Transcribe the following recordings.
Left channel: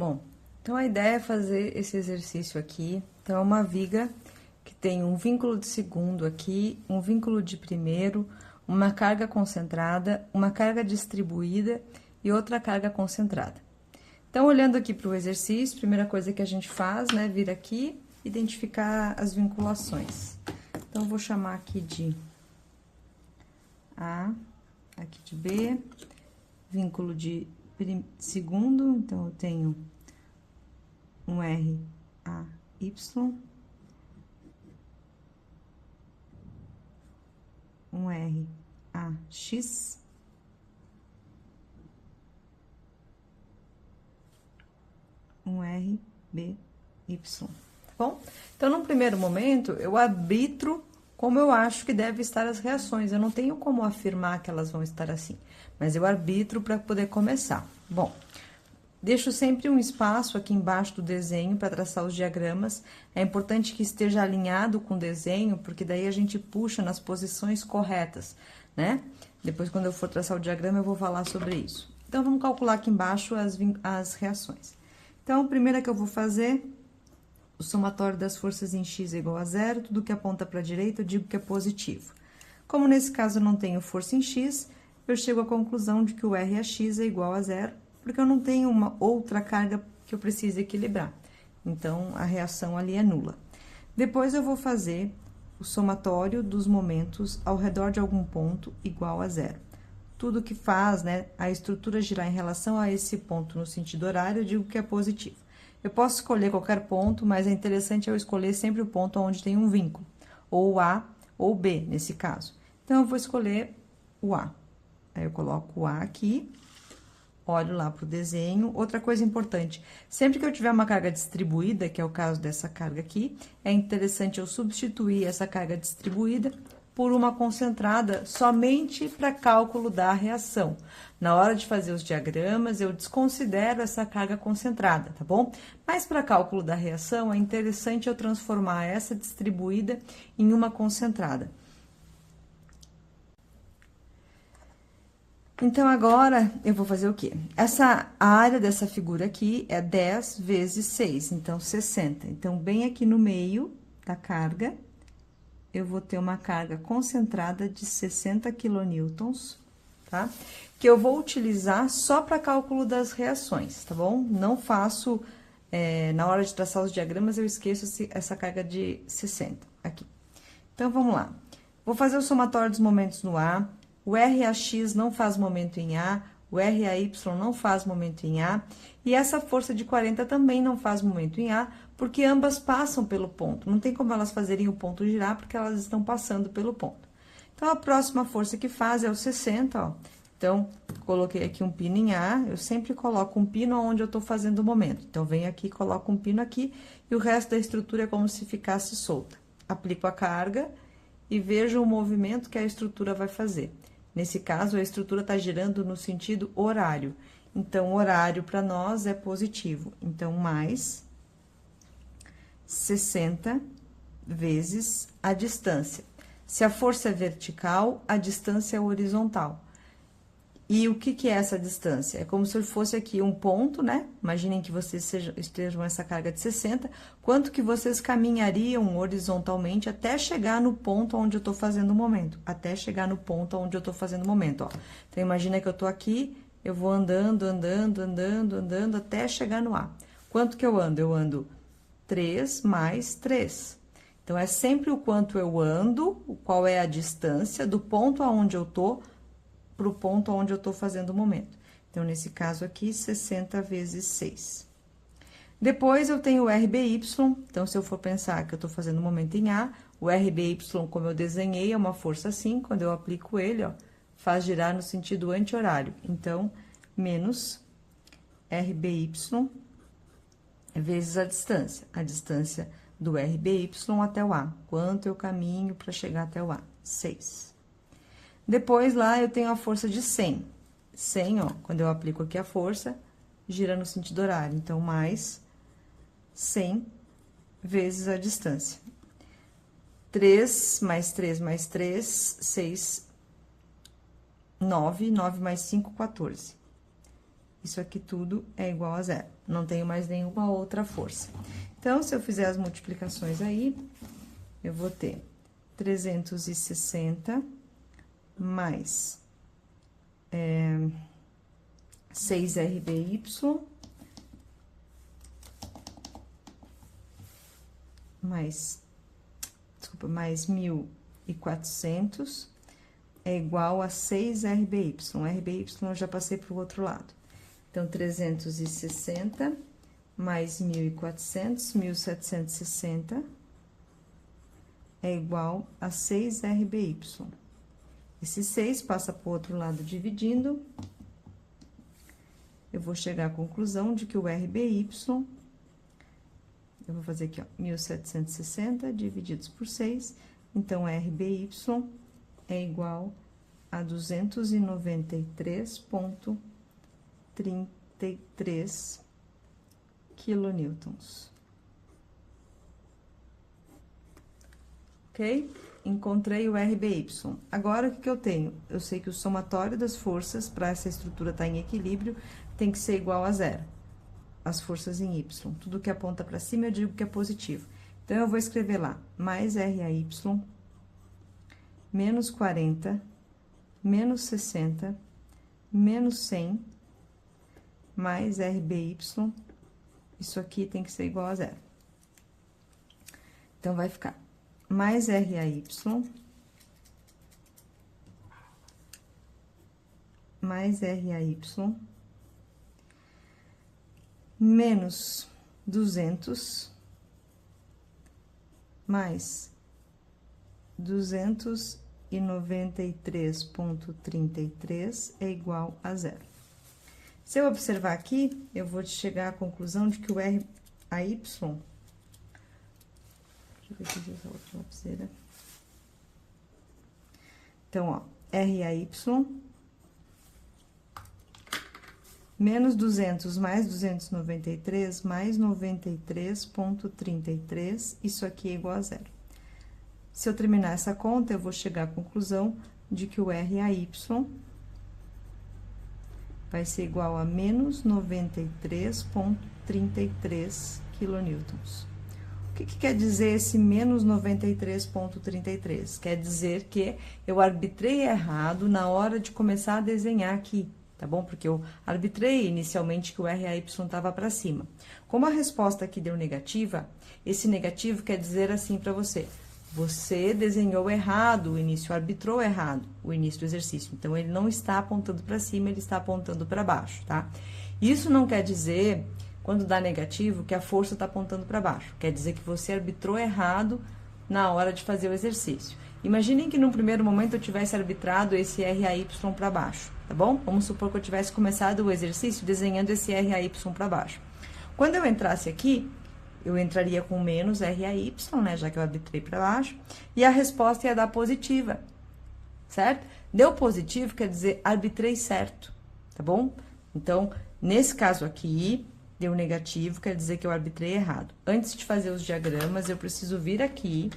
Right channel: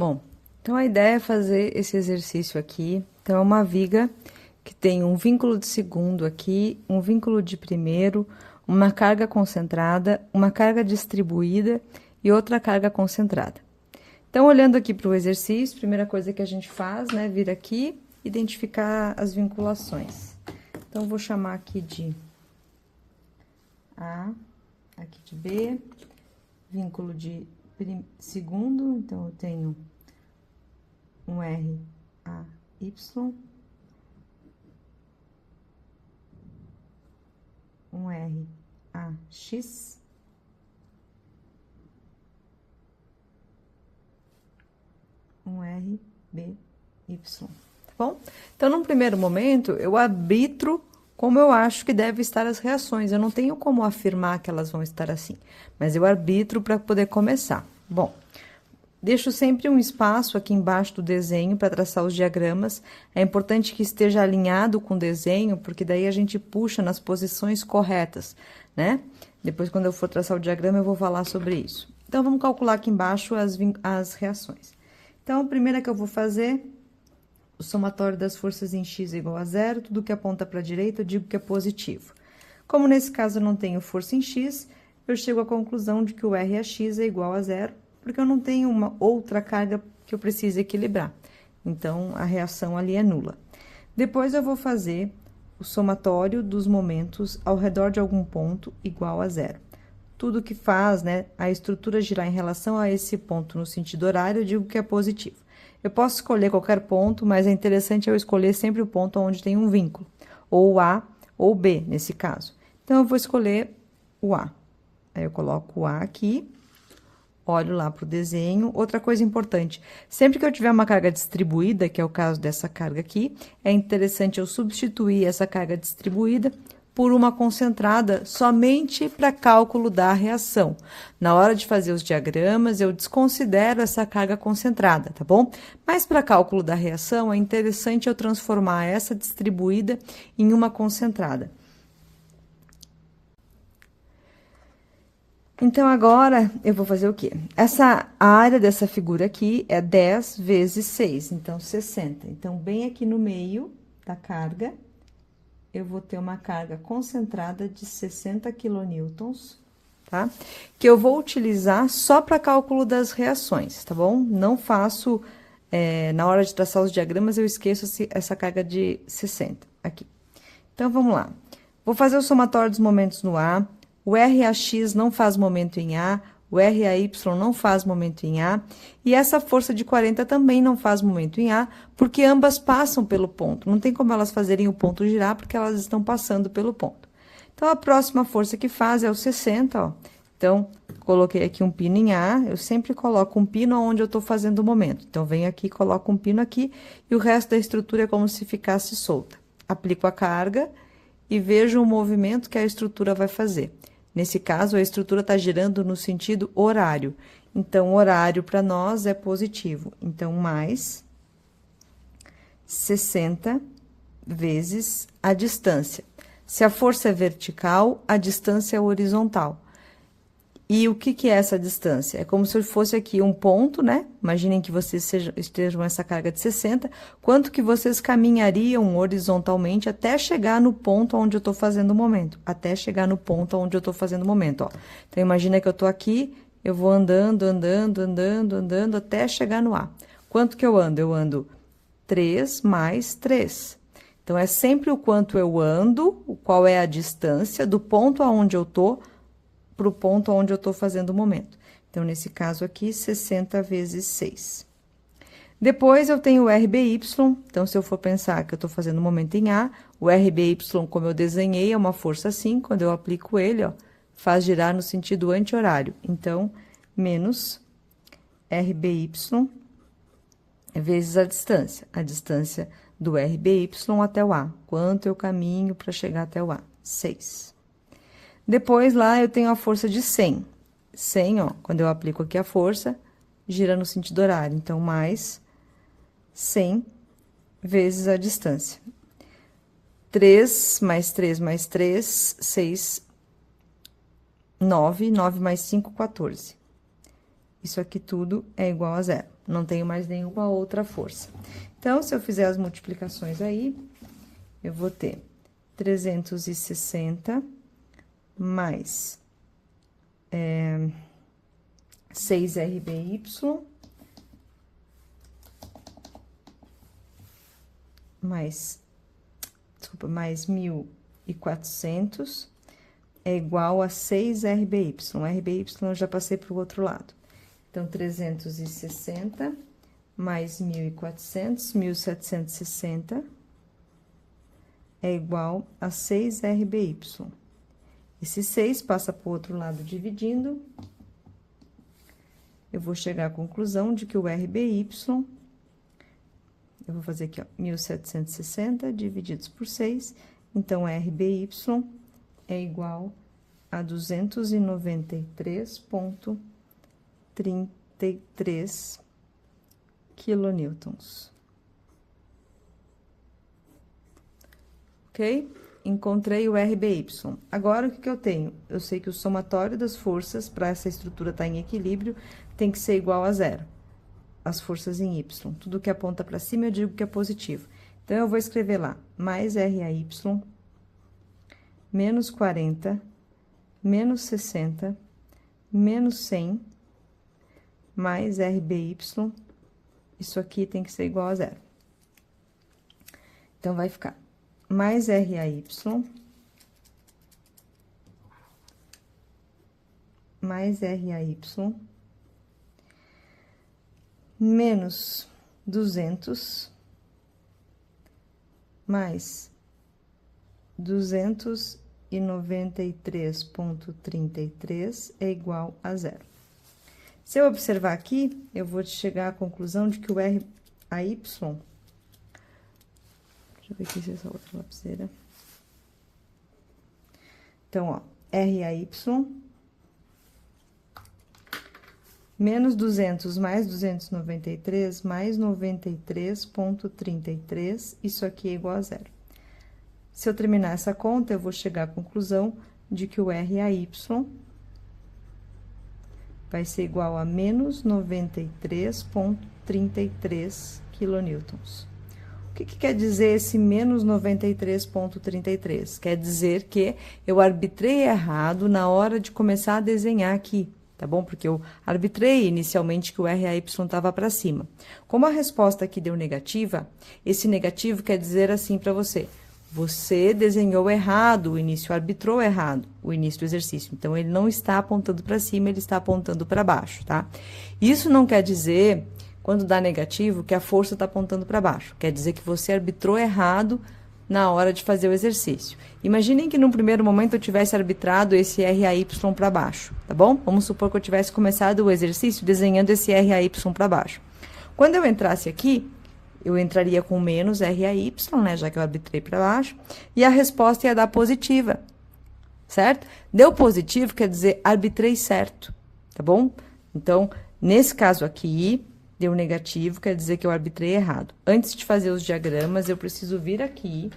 Bom, então a ideia é fazer esse exercício aqui. Então, é uma viga que tem um vínculo de segundo aqui, um vínculo de primeiro, uma carga concentrada, uma carga distribuída e outra carga concentrada. Então, olhando aqui para o exercício, a primeira coisa que a gente faz, né, vir aqui, identificar as vinculações. Então, vou chamar aqui de A, aqui de B, vínculo de segundo, então, eu tenho um R, A, Y, um R, A, X, um R, B, Y, tá bom? Então, num primeiro momento, eu arbitro como eu acho que deve estar as reações. Eu não tenho como afirmar que elas vão estar assim, mas eu arbitro para poder começar. Bom, deixo sempre um espaço aqui embaixo do desenho para traçar os diagramas. É importante que esteja alinhado com o desenho, porque daí a gente puxa nas posições corretas, né? Depois, quando eu for traçar o diagrama, eu vou falar sobre isso. Então, vamos calcular aqui embaixo as reações. Então, a primeira que eu vou fazer, o somatório das forças em x é igual a zero, tudo que aponta para a direita eu digo que é positivo. Como nesse caso eu não tenho força em x, eu chego à conclusão de que o RAx é igual a zero, porque eu não tenho uma outra carga que eu precise equilibrar. Então, a reação ali é nula. Depois, eu vou fazer o somatório dos momentos ao redor de algum ponto igual a zero. Tudo que faz, né, a estrutura girar em relação a esse ponto no sentido horário, eu digo que é positivo. Eu posso escolher qualquer ponto, mas é interessante eu escolher sempre o ponto onde tem um vínculo, ou A ou B, nesse caso. Então, eu vou escolher o A. Aí, eu coloco o A aqui, olho lá para o desenho. Outra coisa importante, sempre que eu tiver uma carga distribuída, que é o caso dessa carga aqui, é interessante eu substituir essa carga distribuída por uma concentrada somente para cálculo da reação. Na hora de fazer os diagramas, eu desconsidero essa carga concentrada, tá bom? Mas para cálculo da reação, é interessante eu transformar essa distribuída em uma concentrada. Então, agora, eu vou fazer o quê? A área dessa figura aqui é 10 vezes 6, então, 60. Então, bem aqui no meio da carga, eu vou ter uma carga concentrada de 60 quilonewtons, tá? Que eu vou utilizar só para cálculo das reações, tá bom? Não faço, na hora de traçar os diagramas, eu esqueço essa carga de 60 aqui. Então, vamos lá. Vou fazer o somatório dos momentos no A. O RAx não faz momento em A, o RAy não faz momento em A, e essa força de 40 também não faz momento em A, porque ambas passam pelo ponto. Não tem como elas fazerem o ponto girar, porque elas estão passando pelo ponto. Então, a próxima força que faz é o 60, ó. Então, coloquei aqui um pino em A, eu sempre coloco um pino onde eu tô fazendo o momento. Então, venho aqui, coloco um pino aqui, e o resto da estrutura é como se ficasse solta. Aplico a carga e vejo o movimento que a estrutura vai fazer. Nesse caso, a estrutura está girando no sentido horário. Então, horário para nós é positivo. Então, mais 60 vezes a distância. Se a força é vertical, a distância é horizontal. E o que é essa distância? É como se fosse aqui um ponto, né? Imaginem que vocês estejam essa carga de 60. Quanto que vocês caminhariam horizontalmente até chegar no ponto onde eu tô fazendo o momento? Até chegar no ponto onde eu tô fazendo o momento, ó. Então, imagina que eu tô aqui, eu vou andando, até chegar no A. Quanto que eu ando? Eu ando 3 mais 3. Então, é sempre o quanto eu ando, qual é a distância do ponto aonde eu tô para o ponto onde eu estou fazendo o momento. Então, nesse caso aqui, 60 vezes 6. Depois, eu tenho o RBY. Então, se eu for pensar que eu estou fazendo o momento em A, o RBY, como eu desenhei, é uma força assim. Quando eu aplico ele, ó, faz girar no sentido anti-horário. Então, menos RBY vezes a distância do RBY até o A. Quanto eu caminho para chegar até o A? 6. Depois, lá, eu tenho a força de 100. 100, ó, quando eu aplico aqui a força, gira no sentido horário. Então, mais 100 vezes a distância. 3 mais 3 mais 3, 6, 9. 9 mais 5, 14. isso aqui tudo é igual a zero. Não tenho mais nenhuma outra força. Então, se eu fizer as multiplicações aí, eu vou ter 360 mais 6RBY mais 1.400 é igual a 6RBY. RBY eu já passei para o outro lado. Então, 360 mais 1.400, 1.760 é igual a 6RBY. Esse 6 passa para o outro lado dividindo. Eu vou chegar à conclusão de que o RBY, eu vou fazer aqui, ó, 1.760 divididos por 6, então, RBY é igual a 293,33 quilonewtons. Ok? Encontrei o RBY. Agora, o que eu tenho? Eu sei que o somatório das forças, para essa estrutura estar em equilíbrio, tem que ser igual a zero. As forças em Y. Tudo que aponta para cima, eu digo que é positivo. Então, eu vou escrever lá, mais RAY, menos 40, menos 60, menos 100, mais RBY, isso aqui tem que ser igual a zero. Então, vai ficar mais RAY, mais RAY, menos 200, mais 293,33 é igual a zero. Se eu observar aqui, eu vou chegar à conclusão de que o RAY, deixa eu ver aqui se essa outra lapiseira. Então, ó, RAY menos 200 mais 293 mais 93,33, isso aqui é igual a zero. Se eu terminar essa conta, eu vou chegar à conclusão de que o RAY vai ser igual a menos 93,33 quilonewtons. O que quer dizer esse menos 93,33? Quer dizer que eu arbitrei errado na hora de começar a desenhar aqui, tá bom? Porque eu arbitrei inicialmente que o RAY estava para cima. Como a resposta aqui deu negativa, esse negativo quer dizer assim para você: você desenhou errado o início, arbitrou errado o início do exercício. Então, ele não está apontando para cima, ele está apontando para baixo, tá? Isso não quer dizer, quando dá negativo, que a força está apontando para baixo. Quer dizer que você arbitrou errado na hora de fazer o exercício. Imaginem que num primeiro momento eu tivesse arbitrado esse RAY para baixo, tá bom? Vamos supor que eu tivesse começado o exercício desenhando esse RAY para baixo. Quando eu entrasse aqui, eu entraria com menos RAY, né, já que eu arbitrei para baixo, e a resposta ia dar positiva, certo? Deu positivo, quer dizer, arbitrei certo, tá bom? Então, nesse caso aqui, deu negativo, quer dizer que eu arbitrei errado. Antes de fazer os diagramas, eu preciso vir aqui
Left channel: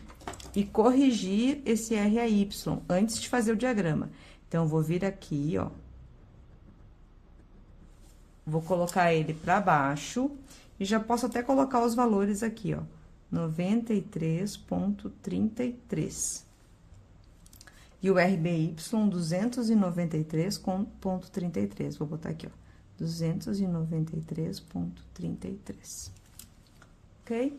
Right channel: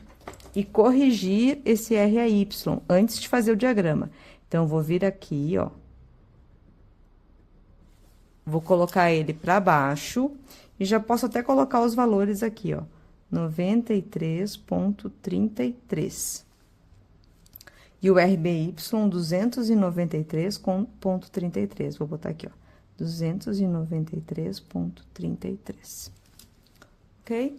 e corrigir esse RAY, antes de fazer o diagrama. Então, eu vou vir aqui, ó. Vou colocar ele para baixo. E já posso até colocar os valores aqui, ó, 93,33. E o RBY, 293,33. Vou botar aqui, ó, 293,33. Ok?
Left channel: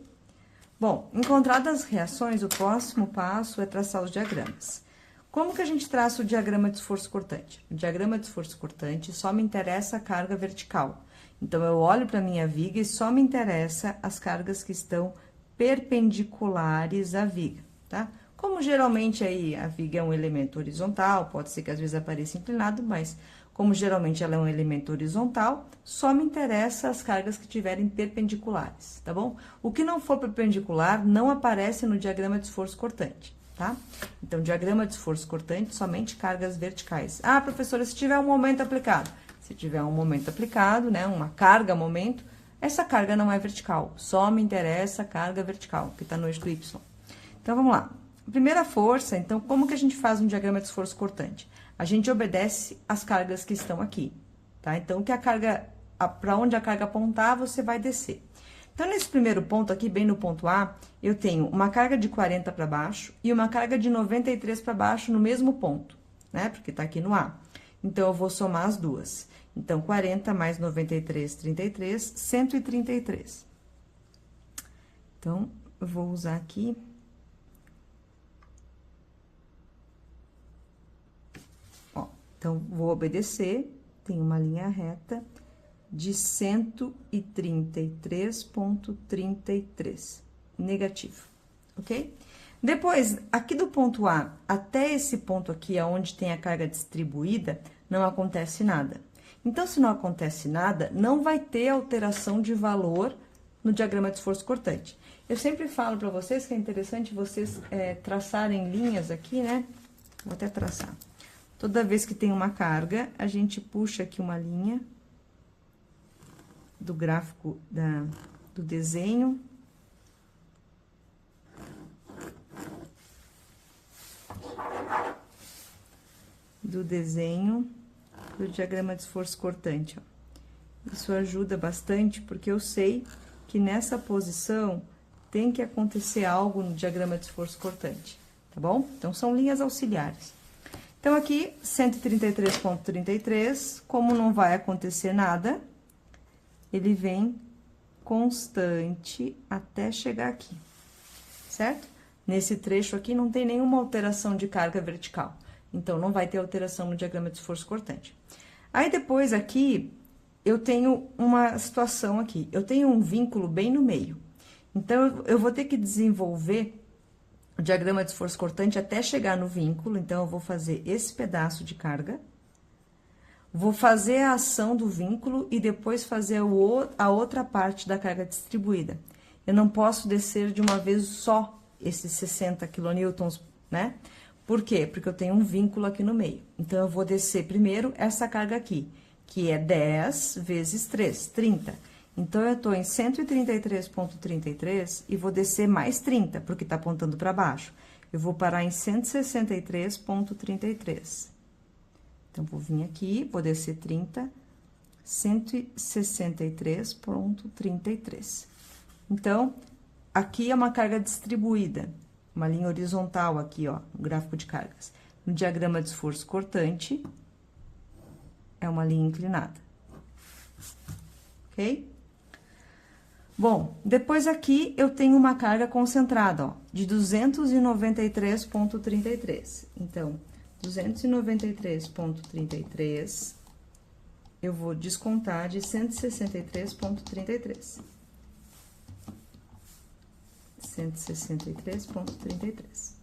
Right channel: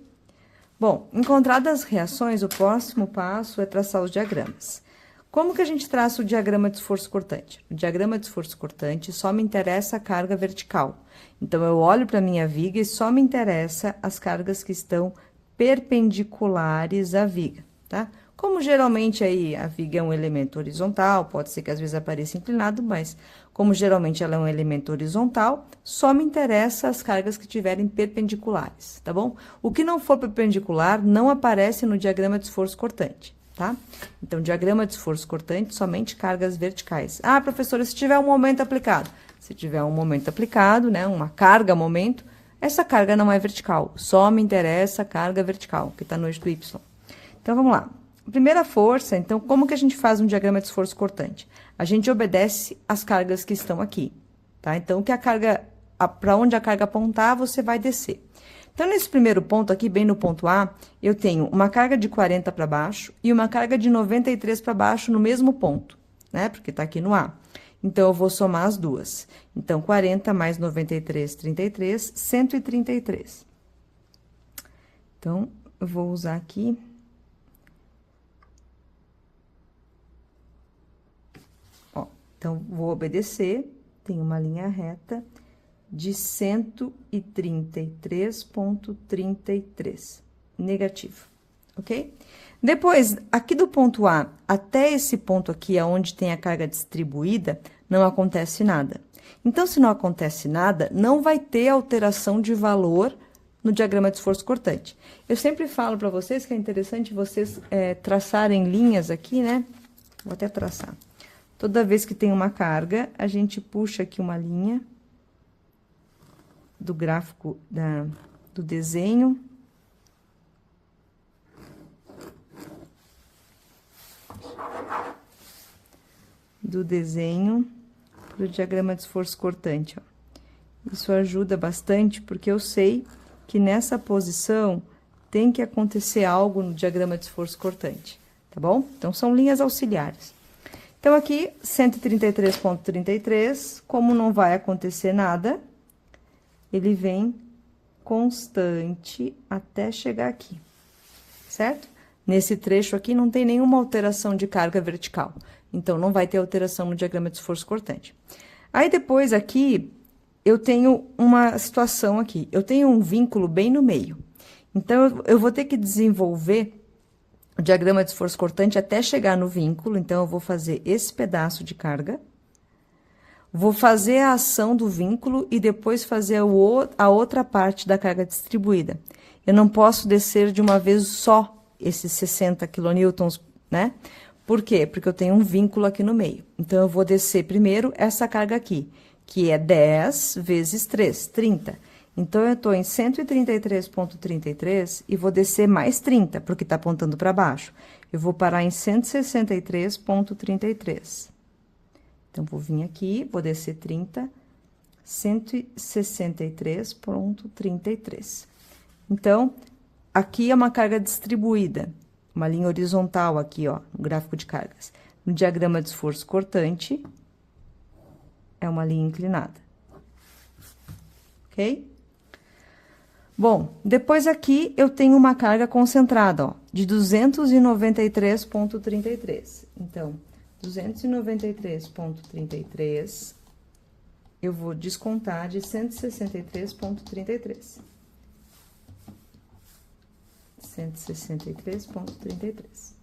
Bom, encontradas as reações, o próximo passo é traçar os diagramas. Como que a gente traça o diagrama de esforço cortante? O diagrama de esforço cortante só me interessa a carga vertical. Então, eu olho para a minha viga e só me interessa as cargas que estão perpendiculares à viga, tá? Como geralmente aí a viga é um elemento horizontal, pode ser que às vezes apareça inclinado, mas como geralmente ela é um elemento horizontal, só me interessa as cargas que tiverem perpendiculares, tá bom? O que não for perpendicular não aparece no diagrama de esforço cortante, tá? Então, diagrama de esforço cortante, somente cargas verticais. Ah, professora, se tiver um momento aplicado. Se tiver um momento aplicado, né, uma carga momento, essa carga não é vertical, só me interessa a carga vertical, que está no eixo do Y. Então, vamos lá. Primeira força, então, como que a gente faz um diagrama de esforço cortante? A gente obedece às cargas que estão aqui, tá? Então, o que a carga para onde a carga apontar, você vai descer. Então, nesse primeiro ponto aqui, bem no ponto A, eu tenho uma carga de 40 para baixo e uma carga de 93 para baixo no mesmo ponto, né? Porque tá aqui no A. Então, eu vou somar as duas. Então, 40 mais 93, 33, 133. Então, eu vou usar aqui. Ó, então, vou obedecer. Tem uma linha reta de 133,33, negativo, ok? Depois, aqui do ponto A até esse ponto aqui, onde tem a carga distribuída, não acontece nada. Então, se não acontece nada, não vai ter alteração de valor no diagrama de esforço cortante. Eu sempre falo para vocês que é interessante vocês traçarem linhas aqui, né? Vou até traçar. Toda vez que tem uma carga, a gente puxa aqui uma linha do gráfico do desenho. Do diagrama de esforço cortante, ó. Isso ajuda bastante, porque eu sei que nessa posição tem que acontecer algo no diagrama de esforço cortante, tá bom? Então, são linhas auxiliares. Então, aqui, 133,33, como não vai acontecer nada, ele vem constante até chegar aqui, certo? Nesse trecho aqui não tem nenhuma alteração de carga vertical, então não vai ter alteração no diagrama de esforço cortante. Aí depois aqui eu tenho uma situação aqui, eu tenho um vínculo bem no meio. Então eu vou ter que desenvolver o diagrama de esforço cortante até chegar no vínculo, então eu vou fazer esse pedaço de carga. Vou fazer a ação do vínculo e depois fazer a outra parte da carga distribuída. Eu não posso descer de uma vez só esses 60 quilonewtons, né? Por quê? Porque eu tenho um vínculo aqui no meio. Então, eu vou descer primeiro essa carga aqui, que é 10 vezes 3, 30. Então, eu tô em 133,33 e vou descer mais 30, porque tá apontando para baixo. Eu vou parar em 163,33. Então, vou vir aqui, vou descer 30, 163,33. Então, aqui é uma carga distribuída, uma linha horizontal aqui, ó, no gráfico de cargas. No diagrama de esforço cortante, é uma linha inclinada. Ok? Bom, depois aqui eu tenho uma carga concentrada, ó, de 293,33. Então, 293,33, eu vou descontar de 163,33. 163,33.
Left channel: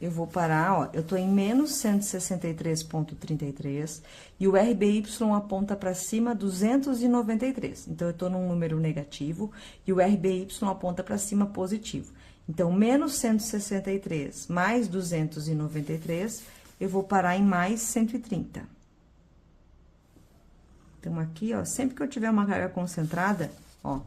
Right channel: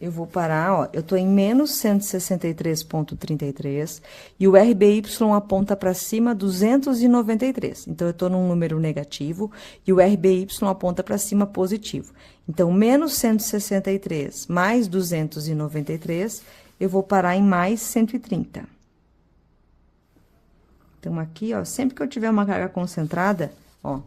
Eu vou parar, ó, eu tô em menos 163,33 e o RBY aponta para cima 293. Então, eu tô num número negativo e o RBY aponta para cima positivo. Então, menos 163 mais 293, eu vou parar em mais 130. Então, aqui, ó, sempre que eu tiver uma carga concentrada, ó,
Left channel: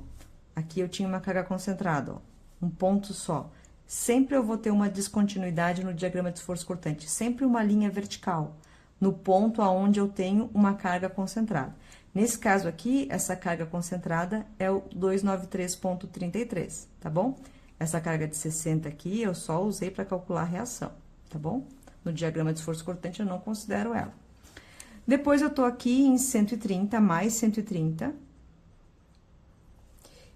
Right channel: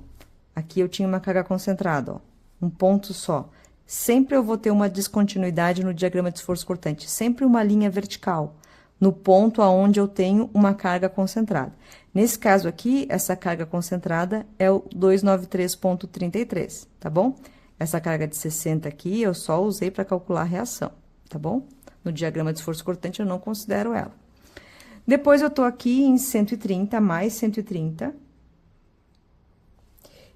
aqui eu tinha uma carga concentrada, ó, um ponto só. Sempre eu vou ter uma descontinuidade no diagrama de esforço cortante, sempre uma linha vertical, no ponto aonde eu tenho uma carga concentrada. Nesse caso aqui, essa carga concentrada é o 293,33, tá bom? Essa carga de 60 aqui, eu só usei para calcular a reação, tá bom? No diagrama de esforço cortante, eu não considero ela. Depois, eu tô aqui em 130, mais 130.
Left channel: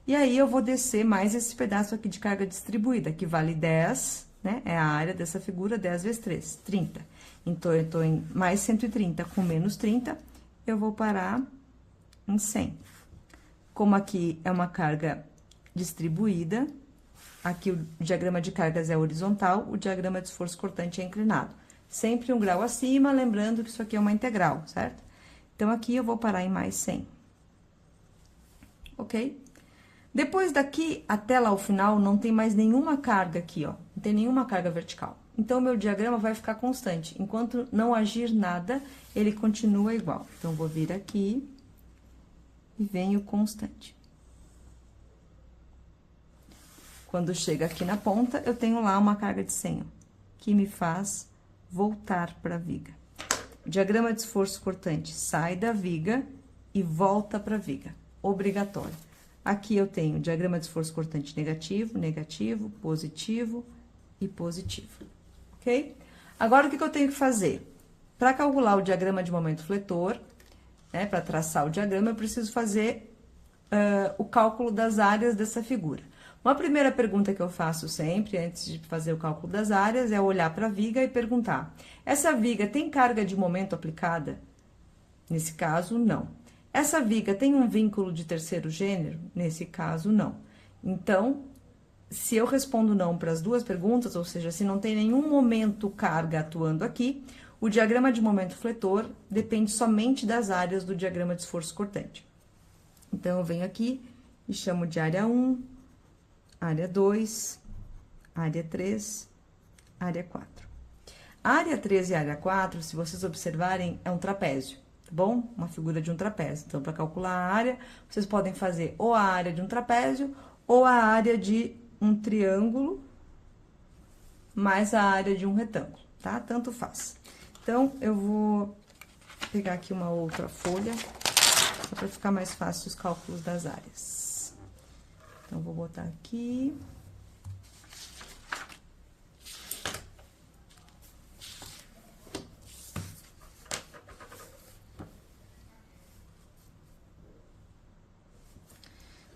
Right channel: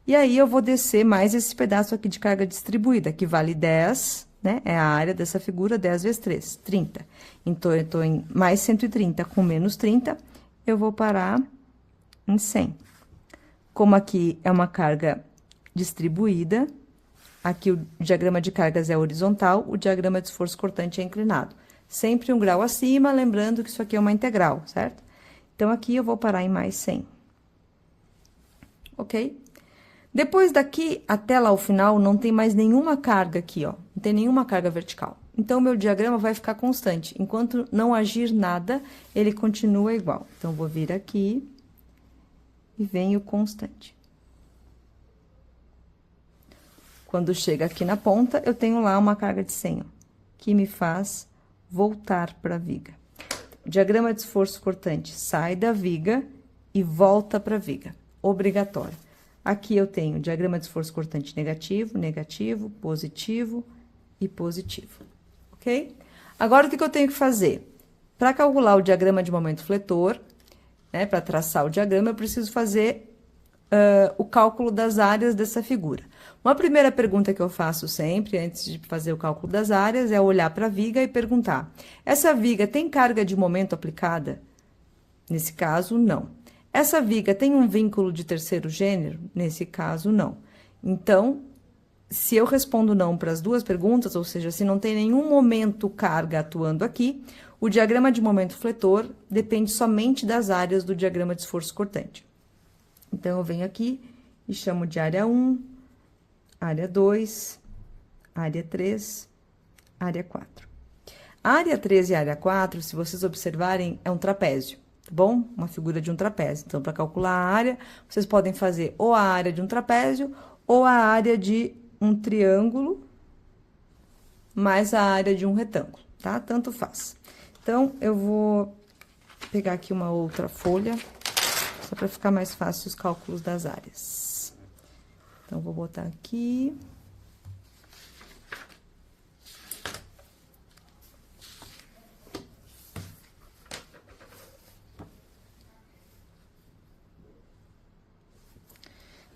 E aí, eu vou descer mais esse pedaço aqui de carga distribuída, que vale 10, né? É a área dessa figura, 10 vezes 3, 30. Então, eu tô em mais 130 com menos 30, eu vou parar em 100. Como aqui é uma carga distribuída, aqui o diagrama de cargas é horizontal, o diagrama de esforço cortante é inclinado. Sempre um grau acima, lembrando que isso aqui é uma integral, certo? Então, aqui eu vou parar em mais 100. Ok? Depois daqui, até lá ao final, não tem mais nenhuma carga aqui, ó. Não tem nenhuma carga vertical. Então, o meu diagrama vai ficar constante. Enquanto não agir nada, ele continua igual. Então, vou vir aqui e venho constante. Quando chega aqui na ponta, eu tenho lá uma carga de 100, ó, que me faz voltar para a viga. Diagrama de esforço cortante, sai da viga e volta para a viga, obrigatório. Aqui eu tenho diagrama de esforço cortante negativo, negativo, positivo e positivo, ok? Agora, o que eu tenho que fazer? Para calcular o diagrama de momento fletor, né, para traçar o diagrama, eu preciso fazer o cálculo das áreas dessa figura. Uma primeira pergunta que eu faço sempre, antes de fazer o cálculo das áreas, é olhar para a viga e perguntar: essa viga tem carga de momento aplicada? Nesse caso, não. Essa viga tem um vínculo de terceiro gênero? Nesse caso, não. Então, se eu respondo não para as duas perguntas, ou seja, se não tem nenhum momento carga atuando aqui, o diagrama de momento fletor depende somente das áreas do diagrama de esforço cortante. Então, eu venho aqui e chamo de área 1, área 2, área 3, área 4. A área 3 e a área 4, se vocês observarem, é um trapézio, tá bom? Uma figura de um trapézio. Então, para calcular a área, vocês podem fazer ou a área de um trapézio ou a área de um triângulo mais a área de um retângulo, tá? Tanto faz. Então, eu vou pegar aqui uma outra folha, só para ficar mais fácil os cálculos das áreas. Então, vou botar aqui.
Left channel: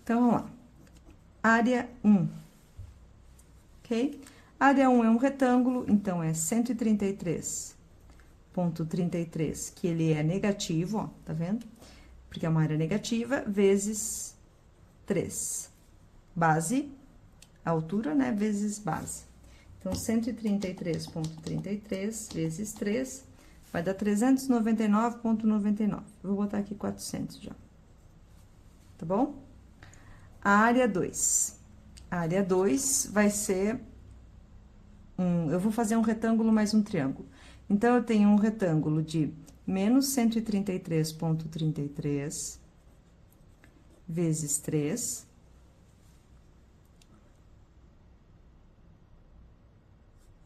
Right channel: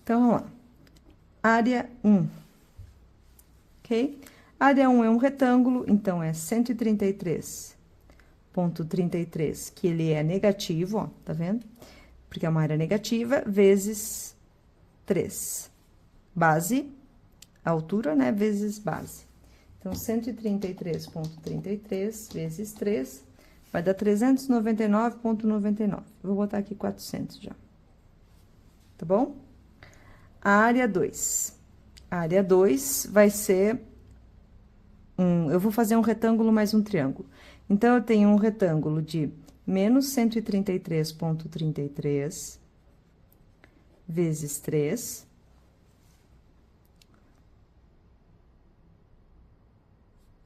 Então, vamos lá. Área 1, ok? Área 1 é um retângulo, então, é 133,33, que ele é negativo, ó, tá vendo? Porque é uma área negativa, vezes 3. Base, altura, né, vezes base. Então, 133,33 vezes 3 vai dar 399,99. Vou botar aqui 400 já. Tá bom? A área 2. A área 2 vai ser... eu vou fazer um retângulo mais um triângulo. Então, eu tenho um retângulo de menos 133,33 vezes 3.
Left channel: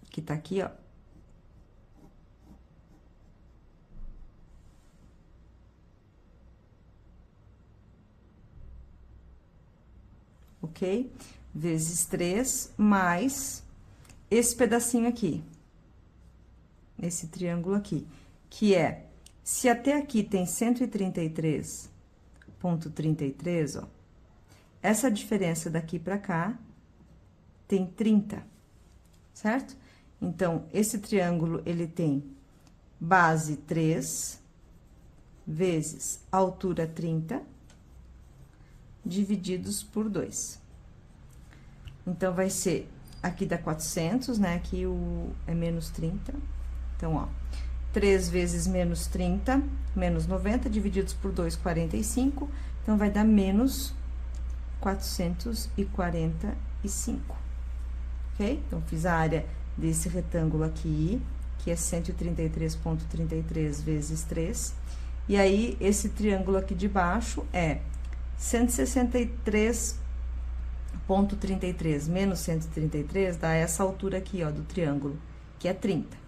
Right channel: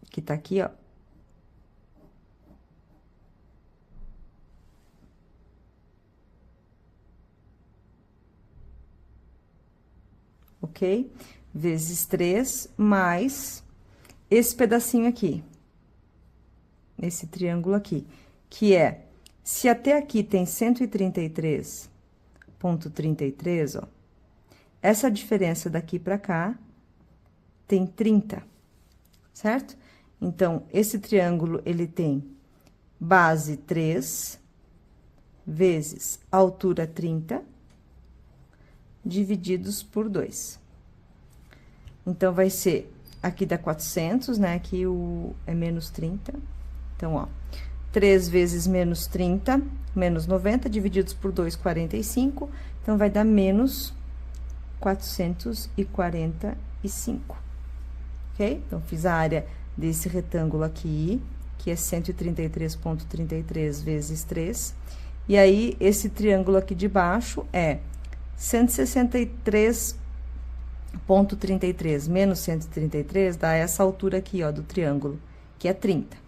Que tá aqui, ó. Ok? Vezes 3, mais esse pedacinho aqui. Esse triângulo aqui. Que é, se até aqui tem 133,33, ó. Essa diferença daqui pra cá tem 30, certo? Então, esse triângulo, ele tem base 3 vezes altura 30, divididos por 2. Então, vai ser, aqui dá 400, né? Aqui é menos 30. Então, ó, 3 vezes menos 30, menos 90, divididos por 2, 45. Então, vai dar menos 445, ok? Então, fiz a área desse retângulo aqui, que é 133,33 vezes 3. E aí, esse triângulo aqui de baixo é 163,33 menos 133 dá essa altura aqui, ó, do triângulo, que é 30.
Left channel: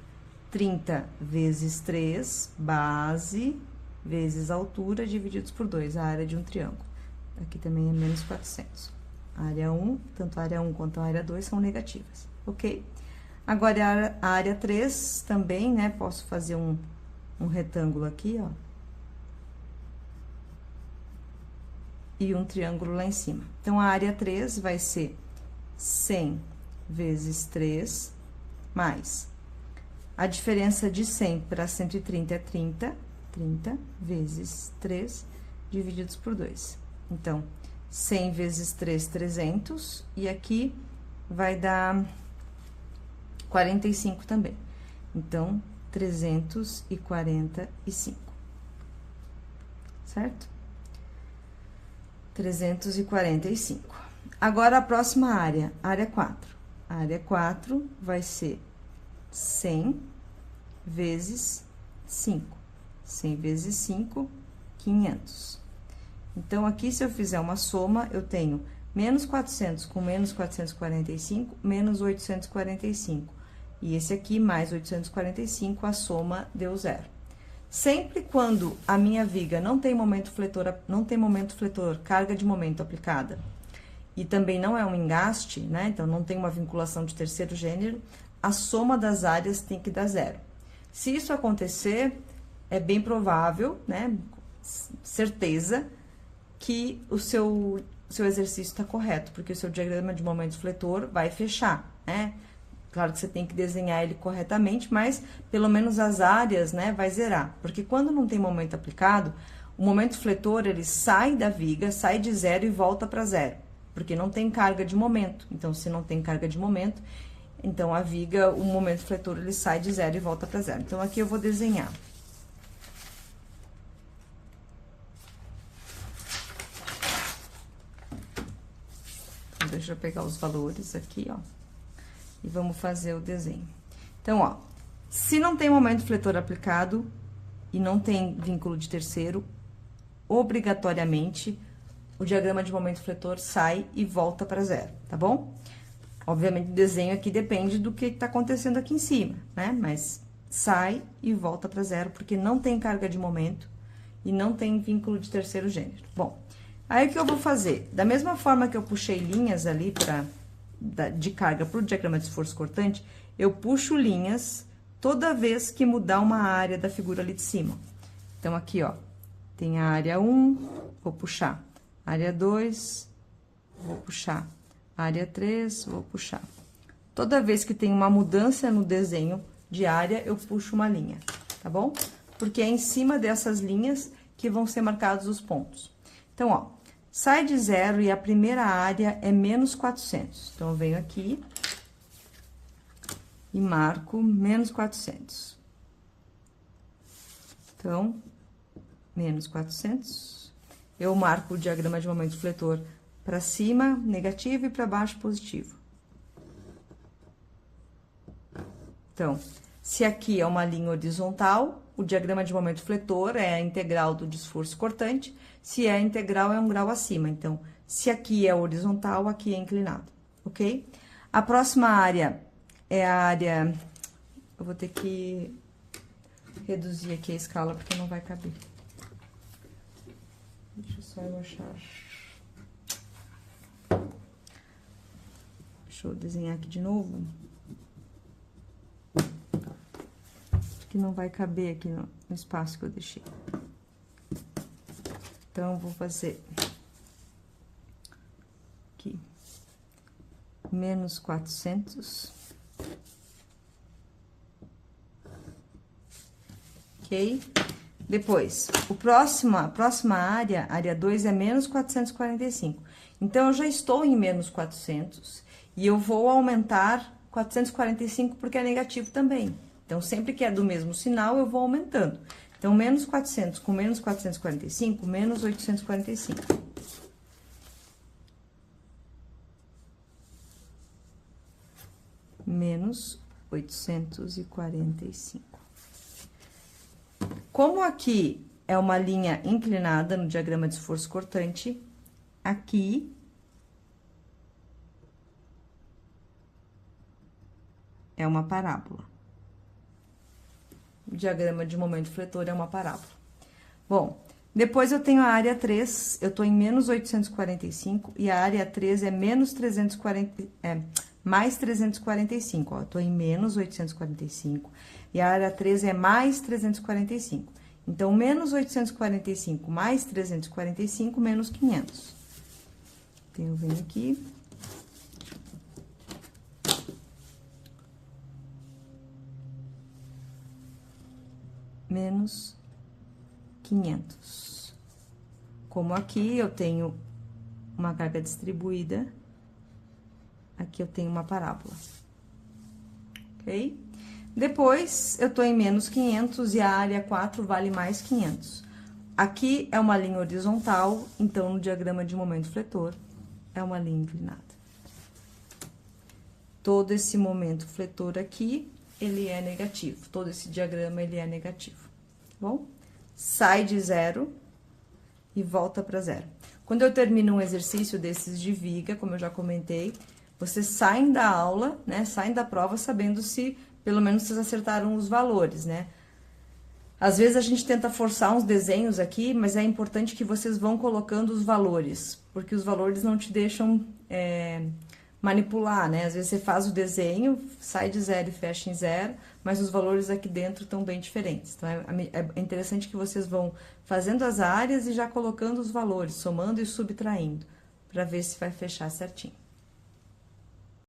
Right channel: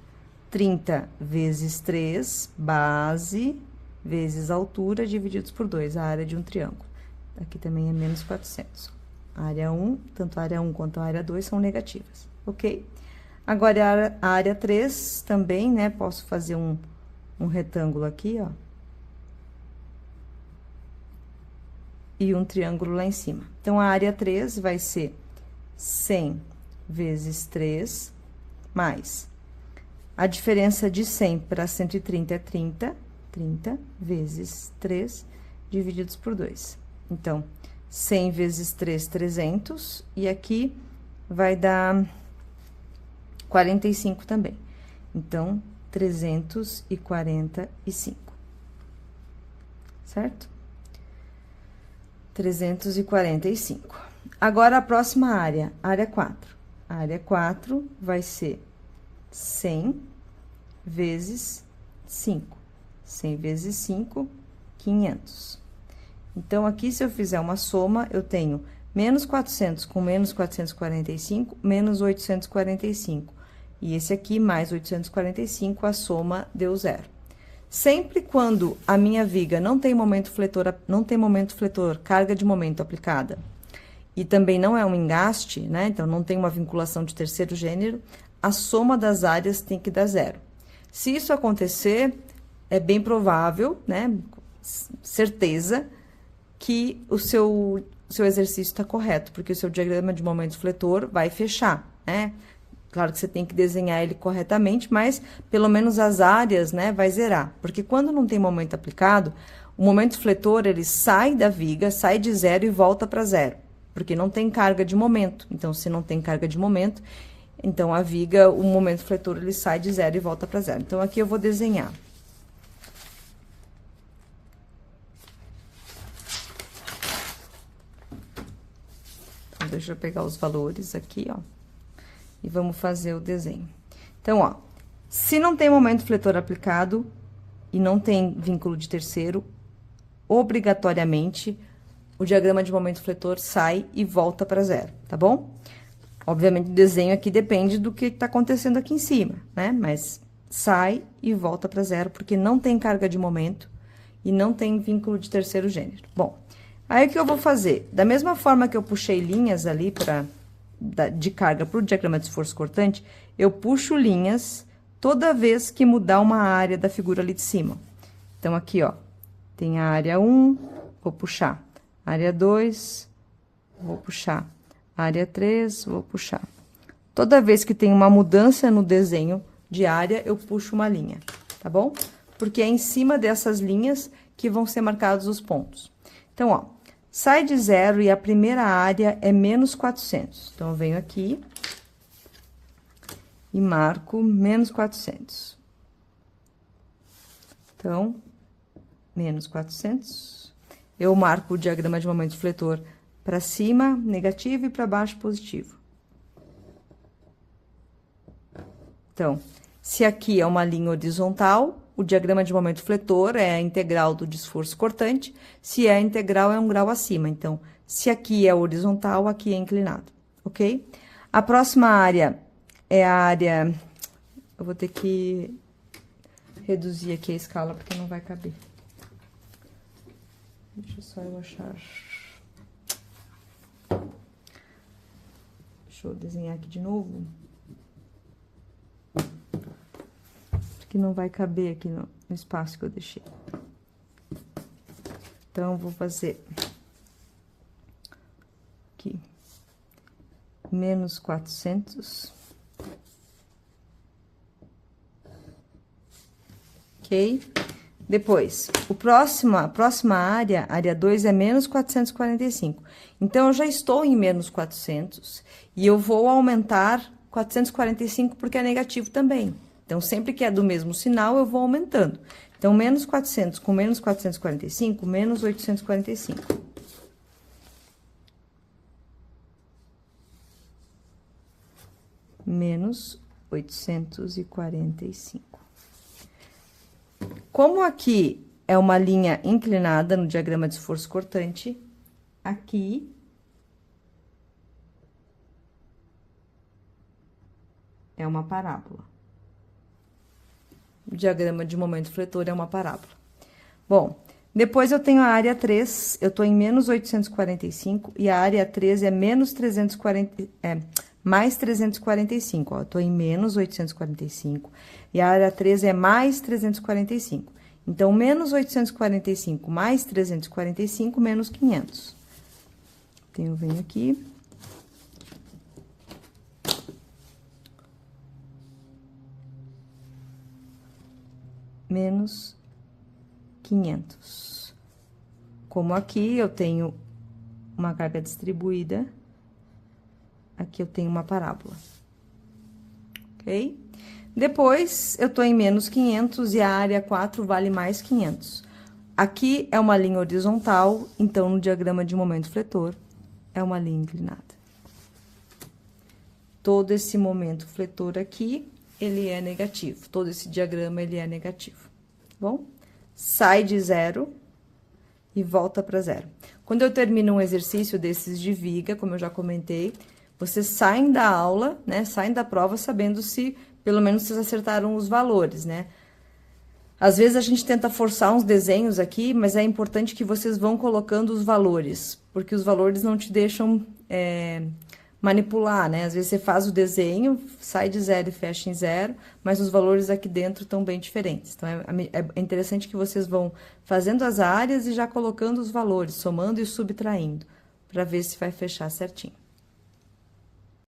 30 vezes 3, base, vezes altura, divididos por 2, a área de um triângulo. Aqui também é menos 400. A área 1, tanto a área 1 quanto a área 2 são negativas, ok? Agora, a área 3 também, né, posso fazer um retângulo aqui, ó. E um triângulo lá em cima. Então, a área 3 vai ser 100 vezes 3, mais a diferença de 100 para 130 é 30, 30 vezes 3, divididos por 2. Então, 100 vezes 3, 300, e aqui vai dar 45 também. Então, 345, certo? 345. Agora, a próxima área, área 4. A área 4 vai ser 100 vezes 5. 100 vezes 5, 500. Então, aqui, se eu fizer uma soma, eu tenho menos 400 com menos 445, menos 845. E esse aqui, mais 845, a soma deu 0. Sempre quando a minha viga não tem momento fletor, carga de momento aplicada, e também não é um engaste, né? Então, não tem uma vinculação de terceiro gênero, a soma das áreas tem que dar zero. Se isso acontecer, é bem provável, né? Certeza que o seu exercício está correto, porque o seu diagrama de momento fletor vai fechar, né? Claro que você tem que desenhar ele corretamente, mas pelo menos as áreas, né, vai zerar. Porque quando não tem momento aplicado, o momento fletor, ele sai da viga, sai de zero e volta para zero. Porque não tem carga de momento. Então, se não tem carga de momento, então a viga, o momento fletor, ele sai de zero e volta para zero. Então, aqui eu vou desenhar. Então, deixa eu pegar os valores aqui, ó. E vamos fazer o desenho. Então, ó, se não tem momento fletor aplicado e não tem vínculo de terceiro, obrigatoriamente, o diagrama de momento fletor sai e volta para zero, tá bom? Obviamente, o desenho aqui depende do que tá acontecendo aqui em cima, né? Mas sai e volta para zero, porque não tem carga de momento e não tem vínculo de terceiro gênero. Bom, aí o que eu vou fazer? Da mesma forma que eu puxei linhas ali de carga para o diagrama de esforço cortante, eu puxo linhas toda vez que mudar uma área da figura ali de cima. Então, aqui, ó, tem a área 1, vou puxar. Área 2, vou puxar. Área 3, vou puxar. Toda vez que tem uma mudança no desenho de área, eu puxo uma linha, tá bom? Porque é em cima dessas linhas que vão ser marcados os pontos. Então, ó, sai de zero e a primeira área é menos 400. Então, eu venho aqui e marco menos 400. Então, menos 400. Eu marco o diagrama de momento fletor para cima, negativo, e para baixo, positivo. Então, se aqui é uma linha horizontal, o diagrama de momento fletor é a integral do esforço cortante. Se é integral, é um grau acima. Então, se aqui é horizontal, aqui é inclinado, ok? A próxima área é a área... Eu vou ter que reduzir aqui a escala, porque não vai caber. Deixa eu só eu achar... Deixa eu desenhar aqui de novo. Que não vai caber aqui no espaço que eu deixei. Então, eu vou fazer aqui, menos 400. Ok? Depois, a próxima área, área 2, é menos 445. Então, eu já estou em menos 400 e eu vou aumentar 445 porque é negativo também. Então, sempre que é do mesmo sinal, eu vou aumentando. Então, menos 400 com menos 445, menos 845. Menos 845. Como aqui é uma linha inclinada no diagrama de esforço cortante, aqui... é uma parábola. O diagrama de momento fletor é uma parábola. Bom, depois eu tenho a área 3, eu tô em menos 845, e a área 3 é menos 340, mais 345, ó, eu tô em menos 845, e a área 3 é mais 345. Então, menos 845 mais 345, menos 500. Então, eu venho aqui... menos 500. Como aqui eu tenho uma carga distribuída, aqui eu tenho uma parábola, ok? Depois, eu tô em menos 500 e a área 4 vale mais 500. Aqui é uma linha horizontal, então, no diagrama de momento fletor, é uma linha inclinada. Todo esse momento fletor aqui, ele é negativo. Todo esse diagrama, ele é negativo, tá bom? Sai de zero e volta para zero. Quando eu termino um exercício desses de viga, como eu já comentei, vocês saem da aula, né? Saem da prova sabendo se, pelo menos, vocês acertaram os valores, né? Às vezes a gente tenta forçar uns desenhos aqui, mas é importante que vocês vão colocando os valores, porque os valores não te deixam manipular, né? Às vezes você faz o desenho, sai de 0 e fecha em 0, mas os valores aqui dentro estão bem diferentes. Então, é interessante que vocês vão fazendo as áreas e já colocando os valores, somando e subtraindo, para ver se vai fechar certinho.